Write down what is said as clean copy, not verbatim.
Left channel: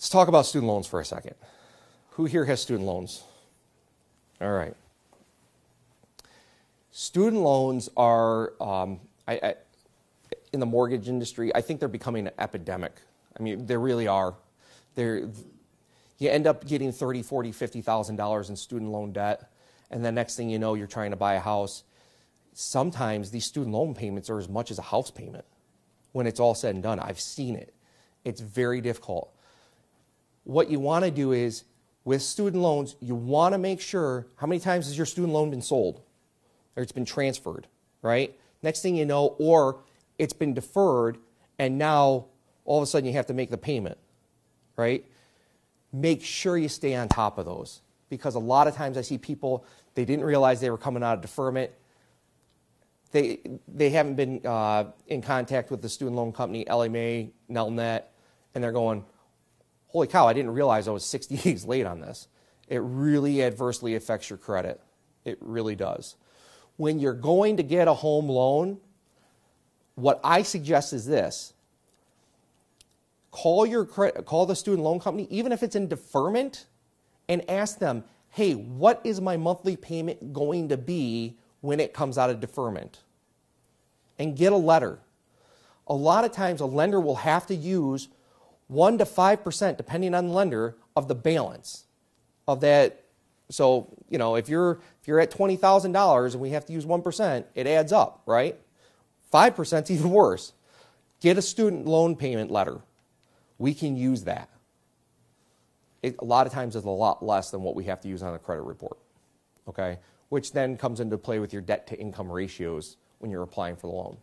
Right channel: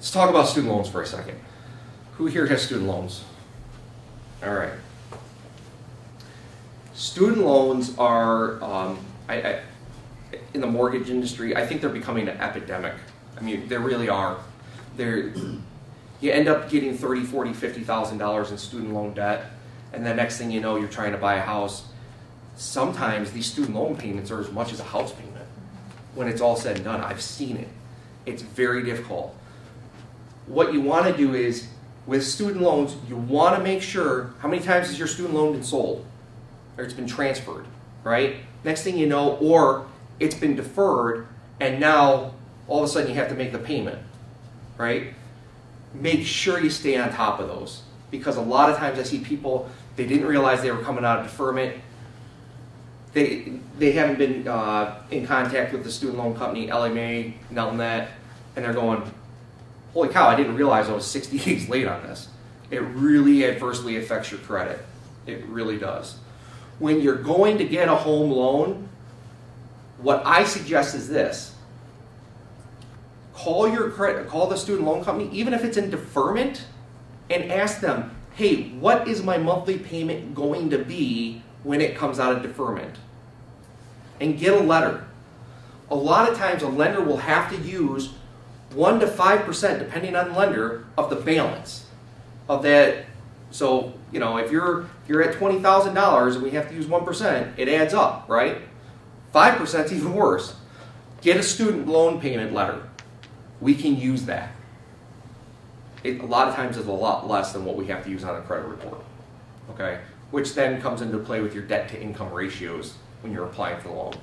Let's talk about student loans for a second. Who here has student loans? All right. Student loans are, in the mortgage industry, I think they're becoming an epidemic. I mean, they really are. You end up getting $30,000, $40,000, $50,000 in student loan debt, and the next thing you know, you're trying to buy a house. Sometimes these student loan payments are as much as a house payment when it's all said and done. I've seen it. It's very difficult. What you want to do is, with student loans, you want to make sure, how many times has your student loan been sold? Or it's been transferred, right? Next thing you know, or it's been deferred, and now all of a sudden you have to make the payment, right? Make sure you stay on top of those. Because a lot of times I see people, they didn't realize they were coming out of deferment. They haven't been in contact with the student loan company, LMA, Nelnet, and they're going, holy cow, I didn't realize I was 60 days late on this. It really adversely affects your credit. It really does. When you're going to get a home loan, what I suggest is this. Call the student loan company, even if it's in deferment, and ask them, hey, what is my monthly payment going to be when it comes out of deferment? And get a letter. A lot of times a lender will have to use 1 to 5%, depending on the lender, of the balance of that. So, you know, if you're at $20,000 and we have to use 1%, it adds up, right? 5% is even worse. Get a student loan payment letter. We can use that. A lot of times it's a lot less than what we have to use on a credit report, okay? Which then comes into play with your debt to income ratios when you're applying for the loan.